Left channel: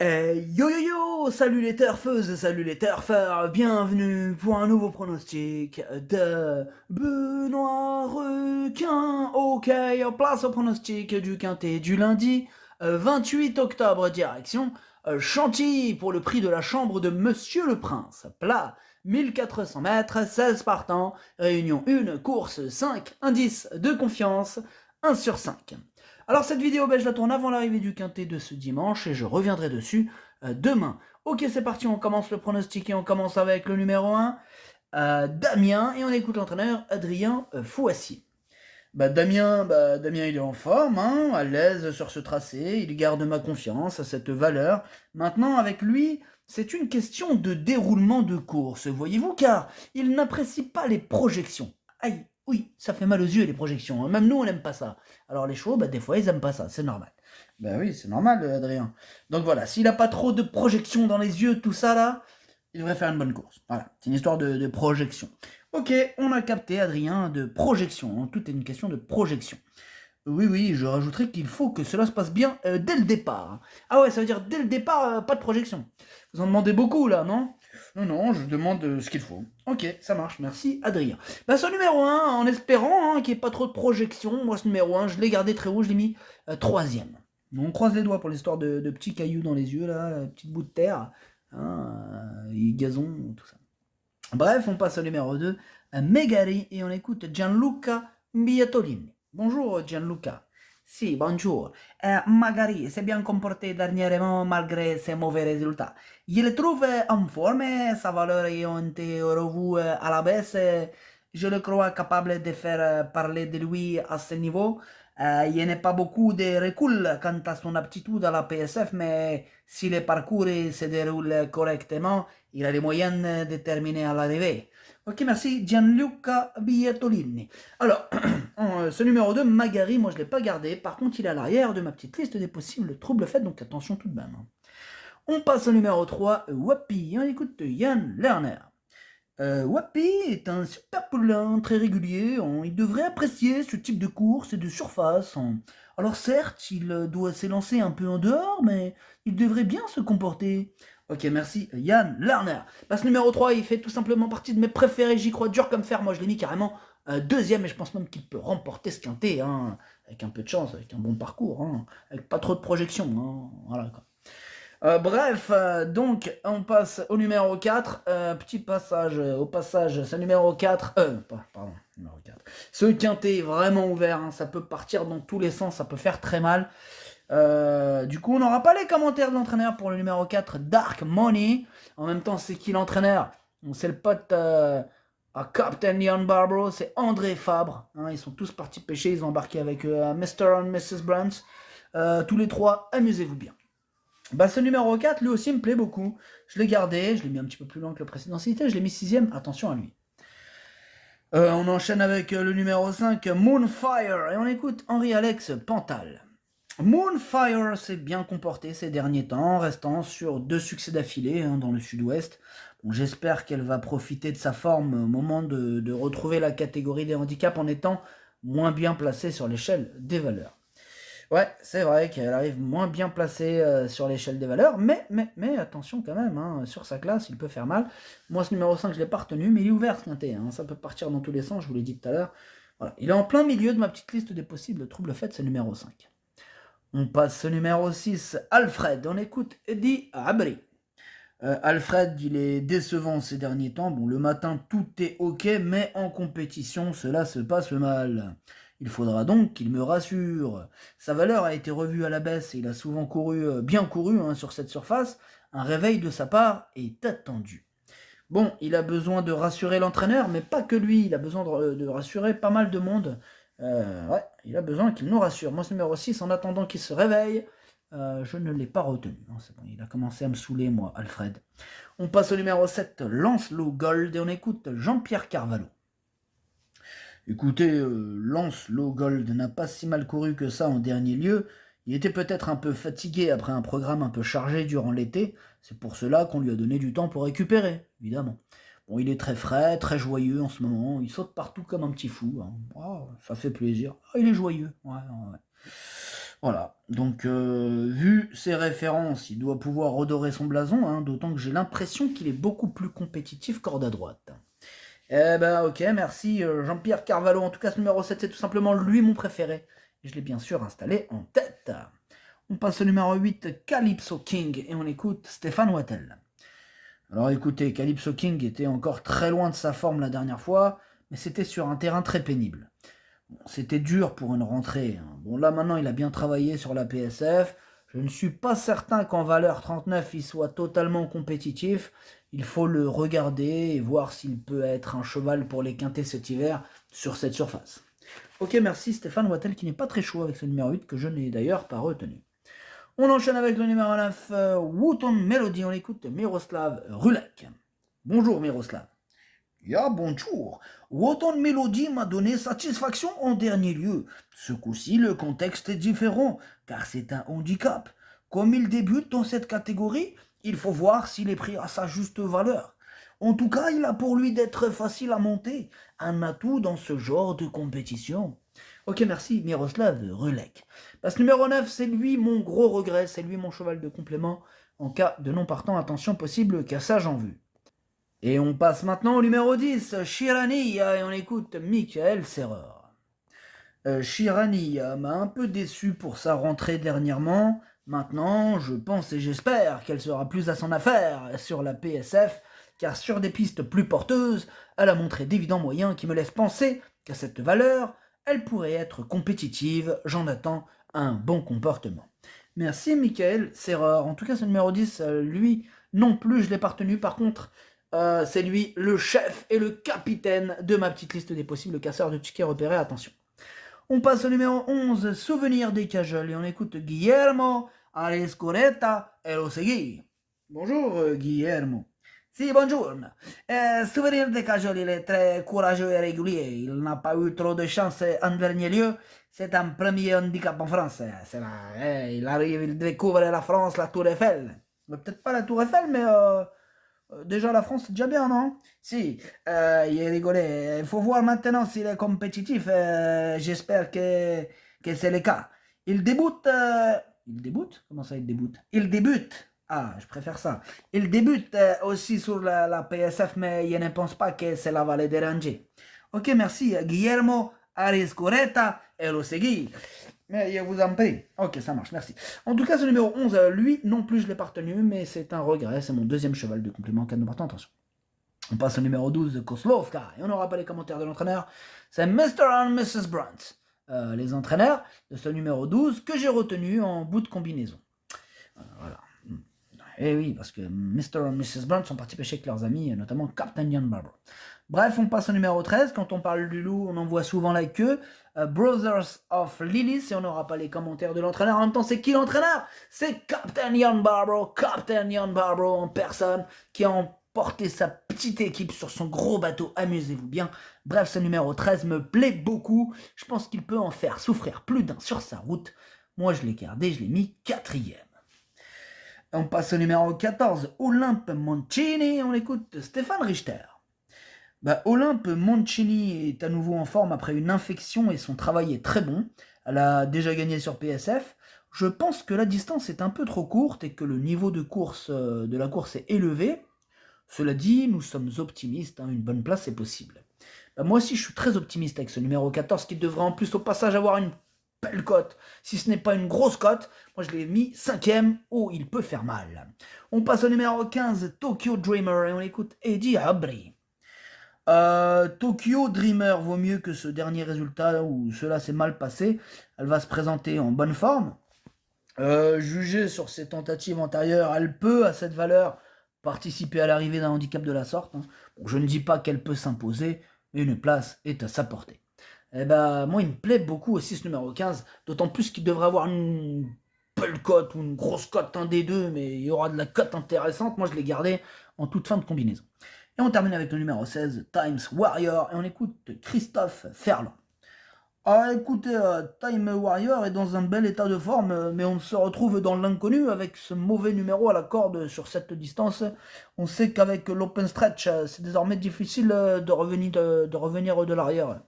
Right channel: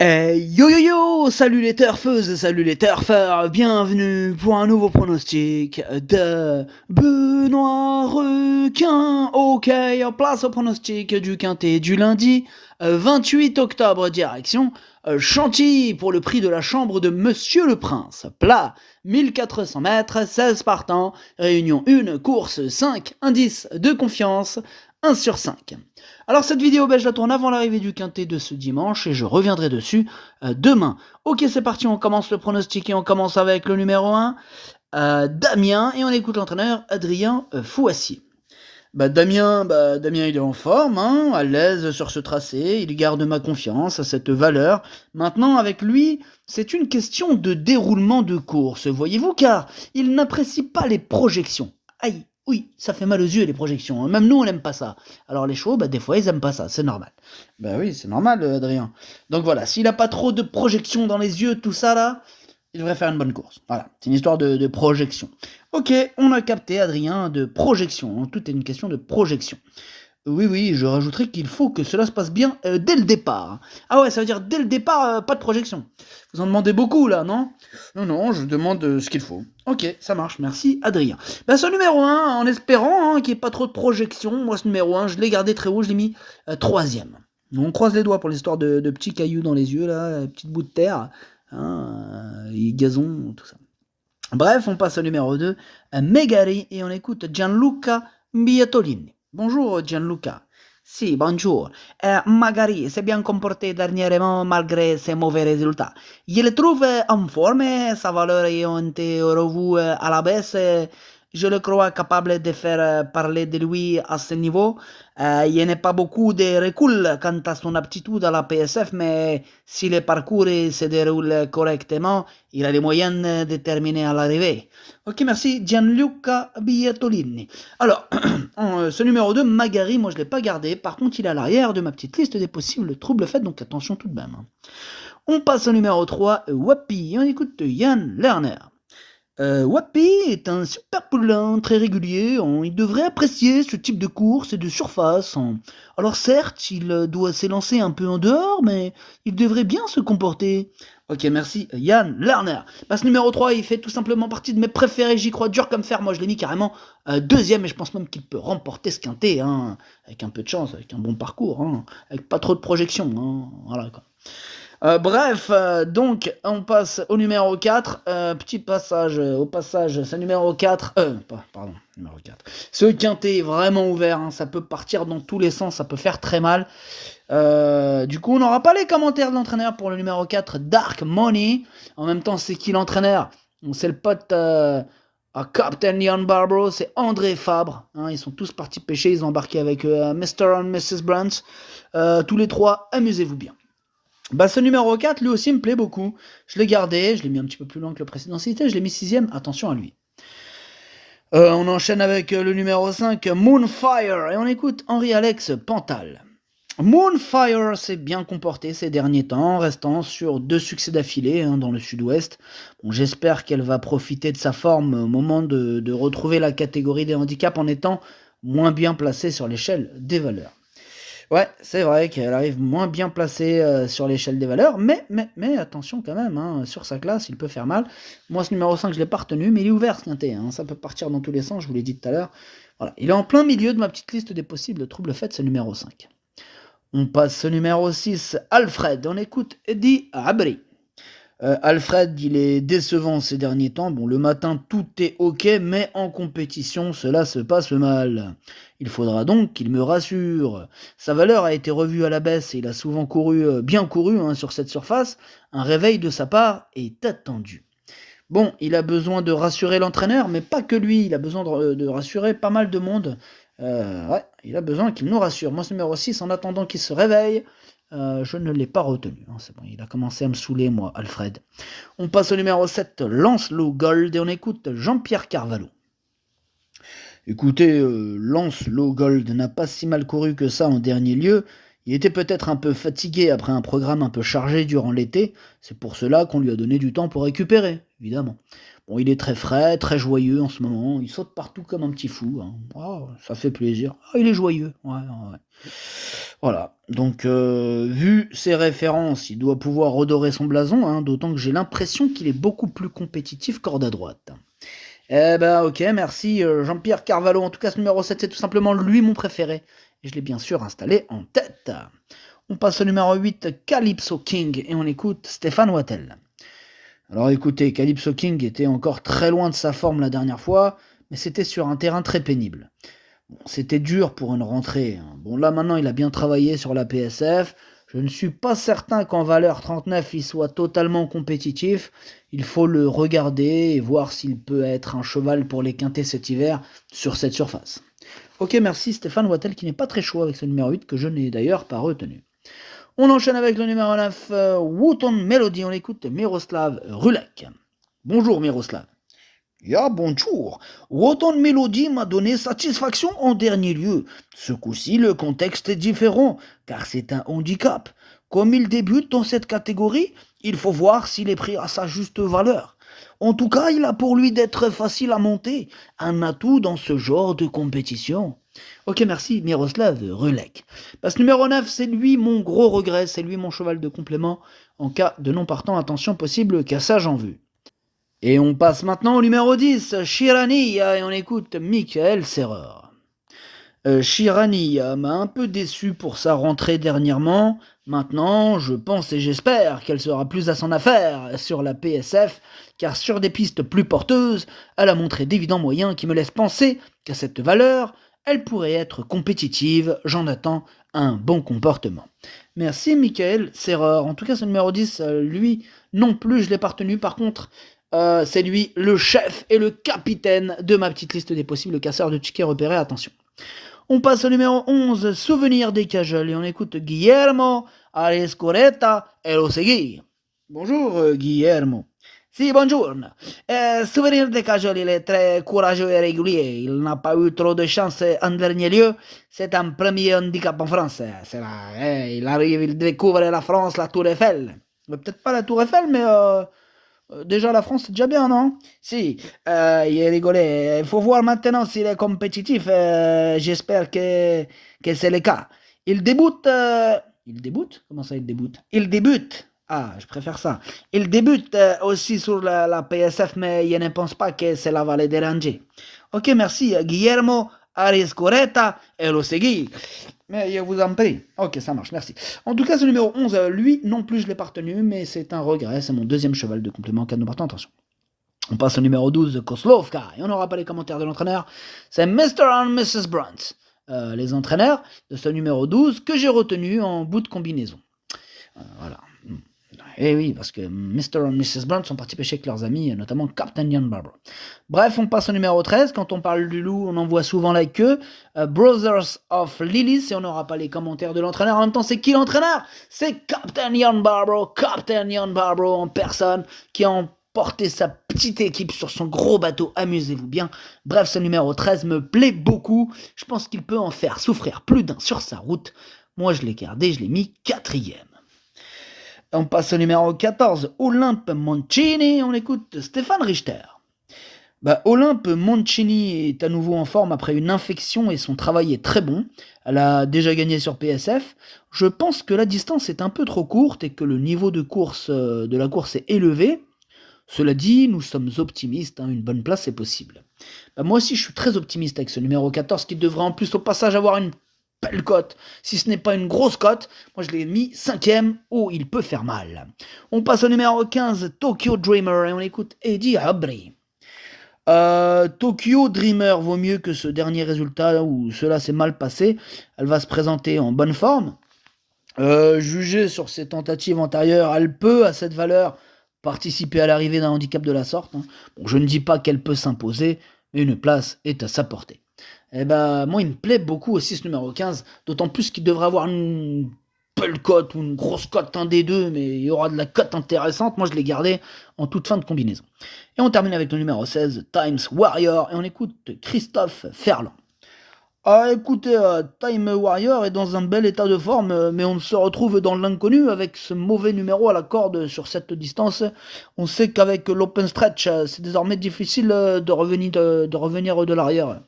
Yo yo yo, salut les turfeuses et salut les turfeurs, bienvenue pour un nouveau pronostic de Benoît Requin. Ok, place au pronostic du quintet du lundi 28 octobre, direction Chantilly pour le prix de la chambre de Monsieur le Prince. Plat 1400 mètres, 16 partants, réunion 1, course 5, indice de confiance 1 sur 5. Alors cette vidéo, je la tourne avant l'arrivée du quintet de ce dimanche et je reviendrai dessus demain. Ok, c'est parti, on commence le pronostic et on commence avec le numéro 1, Damien, et on écoute l'entraîneur Adrien Fouassier. Damien, il est en forme, hein, à l'aise sur ce tracé, il garde ma confiance à cette valeur. Maintenant, avec lui, c'est une question de déroulement de course, voyez-vous, car il n'apprécie pas les projections. Aïe, oui, ça fait mal aux yeux les projections, hein. Même nous on n'aime pas ça. Alors les chevaux, des fois ils aiment pas ça, c'est normal. Ben oui, c'est normal, Adrien. Donc voilà, s'il a pas trop de projections dans les yeux, tout ça là, il devrait faire une bonne course. Voilà, c'est une histoire de projection. Ok, on a capté, Adrien, de projection, hein. Tout est une question de projection. Oui, oui, je rajouterai qu'il faut que cela se passe bien dès le départ, hein. Ah ouais, ça veut dire dès le départ, pas de projection. Vous en demandez beaucoup là, non? Non, non, je demande ce qu'il faut. Ok, ça marche, merci Adrien. Ce numéro 1, en espérant qu'il n'y ait pas trop de projection, moi ce numéro 1, je l'ai gardé très haut, je l'ai mis troisième. On croise les doigts pour l'histoire de petits cailloux dans les yeux, là, petites bouts de terre, hein, et gazon, tout ça. Bref, on passe au numéro 2, Megari, et on écoute Gianluca Biatolini. Bonjour Gianluca. Si, bonjour. Magari s'est bien comporté dernièrement malgré ses mauvais résultats. Je le trouve en forme, sa valeur ayant été revue à la baisse. Je le crois capable de faire parler de lui à ce niveau. Il n'y a pas beaucoup de recul quant à son aptitude à la PSF, mais si le parcours se déroule correctement, il a les moyens de terminer à l'arrivée. Ok, merci Gianluca Bietolini. Alors, ce numéro 2, Magari, moi je ne l'ai pas gardé. Par contre, il est à l'arrière de ma petite liste des possibles troubles faits, donc attention tout de même. On passe au numéro 3, Wapi. On écoute Yann Lerner. Wapi est un super poulain très régulier, il devrait apprécier ce type de course et de surface, hein. Alors certes, il doit s'élancer un peu en dehors, mais il devrait bien se comporter. Ok, merci Yann Lerner. Ce numéro 3, il fait tout simplement partie de mes préférés, j'y crois dur comme fer, moi je l'ai mis carrément deuxième, et je pense même qu'il peut remporter ce quintet, hein, avec un peu de chance, avec un bon parcours, hein, avec pas trop de projection, hein, voilà quoi. Bref, donc on passe au numéro 4. Petit passage, au passage, c'est numéro 4. Pardon, numéro 4. Ce quintet est vraiment ouvert, hein, ça peut partir dans tous les sens, ça peut faire très mal. Du coup, on n'aura pas les commentaires de l'entraîneur pour le numéro 4, Dark Money. En même temps, c'est qui l'entraîneur? C'est le pote à Captain Ian Barbaro, c'est André Fabre, hein. Ils sont tous partis pêcher, ils ont embarqué avec Mr. and Mrs. Brunt. Tous les trois, amusez-vous bien. Ce numéro 4, lui aussi, me plaît beaucoup. Je l'ai gardé, je l'ai mis un petit peu plus loin que le précédent cité, je l'ai mis sixième, attention à lui. On enchaîne avec le numéro 5, Moonfire, et on écoute Henri-Alex Pantal. Moonfire s'est bien comporté ces derniers temps, restant sur 2 succès d'affilée, hein, dans le sud-ouest. Bon, j'espère qu'elle va profiter de sa forme au moment de retrouver la catégorie des handicaps en étant moins bien placée sur l'échelle des valeurs. Ouais, c'est vrai qu'elle arrive moins bien placée sur l'échelle des valeurs, mais attention quand même, hein, sur sa classe, il peut faire mal. Moi, ce numéro 5, je ne l'ai pas retenu, mais il est ouvert ce quintet, hein, ça peut partir dans tous les sens, je vous l'ai dit tout à l'heure. Voilà, il est en plein milieu de ma petite liste des possibles troubles faits, ce numéro 5. On passe au numéro 6, Alfred, on écoute Eddie Abri. Alfred, il est décevant ces derniers temps. Bon, le matin, tout est ok, mais en compétition, cela se passe mal. Il faudra donc qu'il me rassure. Sa valeur a été revue à la baisse et il a souvent couru, bien couru, hein, sur cette surface. Un réveil de sa part est attendu. Bon, il a besoin de rassurer l'entraîneur, mais pas que lui. Il a besoin de rassurer pas mal de monde. Ouais, il a besoin qu'il nous rassure. Moi, ce numéro 6, en attendant qu'il se réveille, je ne l'ai pas retenu, hein, c'est bon, il a commencé à me saouler, moi, Alfred. On passe au numéro 7, Lancelot Gold, et on écoute Jean-Pierre Carvalho. Écoutez, Lancelot Gold n'a pas si mal couru que ça en dernier lieu. Il était peut-être un peu fatigué après un programme un peu chargé durant l'été. C'est pour cela qu'on lui a donné du temps pour récupérer, évidemment. Bon, il est très frais, très joyeux en ce moment. Il saute partout comme un petit fou, hein. Ah, ça fait plaisir. Ah, il est joyeux. Ouais, ouais. Voilà, donc vu ses références, il doit pouvoir redorer son blason, hein, d'autant que j'ai l'impression qu'il est beaucoup plus compétitif qu'Horde à droite. Eh ben, OK, merci, Jean-Pierre Carvalho. En tout cas, ce numéro 7, c'est tout simplement lui mon préféré et je l'ai bien sûr installé en tête. On passe au numéro 8, Calypso King et on écoute Stéphane Wattel. Alors écoutez, Calypso King était encore très loin de sa forme la dernière fois, mais c'était sur un terrain très pénible. Bon, c'était dur pour une rentrée, hein. Bon, là maintenant, il a bien travaillé sur la PSF. Je ne suis pas certain qu'en valeur 39, il soit totalement compétitif. Il faut le regarder et voir s'il peut être un cheval pour les quintés cet hiver sur cette surface. Ok, merci Stéphane Wattel qui n'est pas très chaud avec ce numéro 8 que je n'ai d'ailleurs pas retenu. On enchaîne avec le numéro 9, Wooton Melody. On écoute Miroslav Rulek. Bonjour Miroslav. Ya bonjour. Wooton Melody m'a donné satisfaction en dernier lieu. Ce coup-ci, le contexte est différent, car c'est un handicap. Comme il débute dans cette catégorie, il faut voir s'il est pris à sa juste valeur. En tout cas, il a pour lui d'être facile à monter, un atout dans ce genre de compétition. Ok, merci, Miroslav Rulek. Parce que numéro 9, c'est lui mon gros regret, c'est lui mon cheval de complément. En cas de non partant, attention possible cassage en vue. Et on passe maintenant au numéro 10, Chirania, et on écoute Michael Serrer. Chirania m'a un peu déçu pour sa rentrée dernièrement. Maintenant, je pense et j'espère qu'elle sera plus à son affaire sur la PSF, car sur des pistes plus porteuses, elle a montré d'évidents moyens qui me laissent penser qu'à cette valeur, elle pourrait être compétitive. J'en attends un bon comportement. Merci Michael Serrer. En tout cas, ce numéro 10, lui non plus, je l'ai pas retenu. Par contre, c'est lui le chef et le capitaine de ma petite liste des possibles casseurs de tickets repérés. Attention. On passe au numéro 11, Souvenir des Cajoles, et on écoute Guillermo Arescoreta et lo Segui. Bonjour Guillermo. Si, bonjour. Souvenir des Cajoles, il est très courageux et régulier. Il n'a pas eu trop de chance en dernier lieu. C'est un premier handicap en France. Il arrive, il découvre la France, la Tour Eiffel. Peut-être pas la Tour Eiffel, mais déjà la France c'est déjà bien, non? Si, il est rigolé. Il faut voir maintenant s'il est compétitif. J'espère que c'est le cas. Il débute. Il débute? Comment ça il débute? Il débute. Ah, je préfère ça. Il débute aussi sur la PSF, mais je ne pense pas que cela va le déranger. Ok, merci. Guillermo Ariscoreta et lo segui. Mais je vous en prie. Ok, ça marche, merci. En tout cas, ce numéro 11, lui non plus je l'ai pas retenu, mais c'est un regret. C'est mon deuxième cheval de complément cas de partant. Attention. On passe au numéro 12, Koslovka. Et on n'aura pas les commentaires de l'entraîneur. C'est Mr. and Mrs. Brunt. Les entraîneurs de ce numéro 12 que j'ai retenu en bout de combinaison. Voilà. Et oui, parce que Mr. et Mrs. Brunt sont partis pêcher avec leurs amis, notamment Captain Ian Barber. Bref, on passe au numéro 13. Quand on parle du loup, on en voit souvent la queue. Brothers of Lilies, et on n'aura pas les commentaires de l'entraîneur. En même temps, c'est qui l'entraîneur? C'est Captain Ian Barber. Captain Ian Barber en personne, qui a emporté sa petite équipe sur son gros bateau. Amusez-vous bien. Bref, ce numéro 13 me plaît beaucoup. Je pense qu'il peut en faire souffrir plus d'un sur sa route. Moi, je l'ai gardé, je l'ai mis 4e. On passe au numéro 14, Olympe Mancini, on écoute Stéphane Richter. Olympe Mancini est à nouveau en forme après une infection et son travail est très bon. Elle a déjà gagné sur PSF. Je pense que la distance est un peu trop courte et que le niveau de la course est élevé. Cela dit, nous sommes optimistes, une bonne place est possible. Moi aussi, je suis très optimiste avec ce numéro 14 qui devrait en plus au passage avoir une belle cote. Si ce n'est pas une grosse cote, moi je l'ai mis 5e. Oh, il peut faire mal. On passe au numéro 15, Tokyo Dreamer, et on écoute Eddie Abri. Tokyo Dreamer vaut mieux que ce dernier résultat où cela s'est mal passé. Elle va se présenter en bonne forme. Jugée sur ses tentatives antérieures, elle peut, à cette valeur, participer à l'arrivée d'un handicap de la sorte. Bon, je ne dis pas qu'elle peut s'imposer, mais une place est à sa portée. Moi, il me plaît beaucoup aussi ce numéro 15, d'autant plus qu'il devrait avoir une belle cote ou une grosse cote, un des deux, mais il y aura de la cote intéressante. Moi, je l'ai gardé en toute fin de combinaison. Et on termine avec le numéro 16, Times Warrior, et on écoute Christophe Ferland. Écoutez, Time Warrior est dans un bel état de forme, mais on se retrouve dans l'inconnu avec ce mauvais numéro à la corde sur cette distance. On sait qu'avec l'open stretch, c'est désormais difficile de revenir de l'arrière.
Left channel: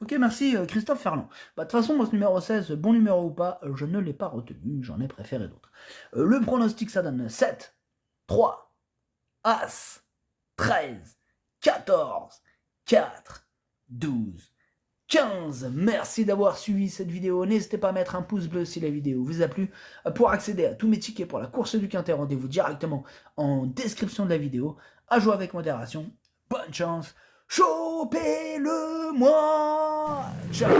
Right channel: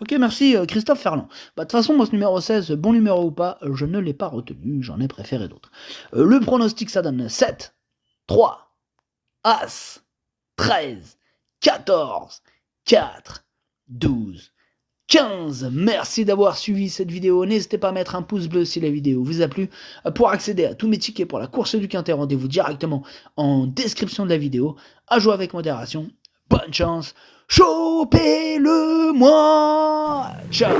OK, merci, Christophe Ferland. Bah, de toute façon, moi, ce numéro 16, bon numéro ou pas, je ne l'ai pas retenu, j'en ai préféré d'autres. Le pronostic, ça donne 7, 3, As, 13, 14, 4, 12, 15. Merci d'avoir suivi cette vidéo. N'hésitez pas à mettre un pouce bleu si la vidéo vous a plu. Pour accéder à tous mes tickets pour la course du Quintet, rendez-vous directement en description de la vidéo. À jouer avec modération. Bonne chance. Chopez-le moi. Ciao.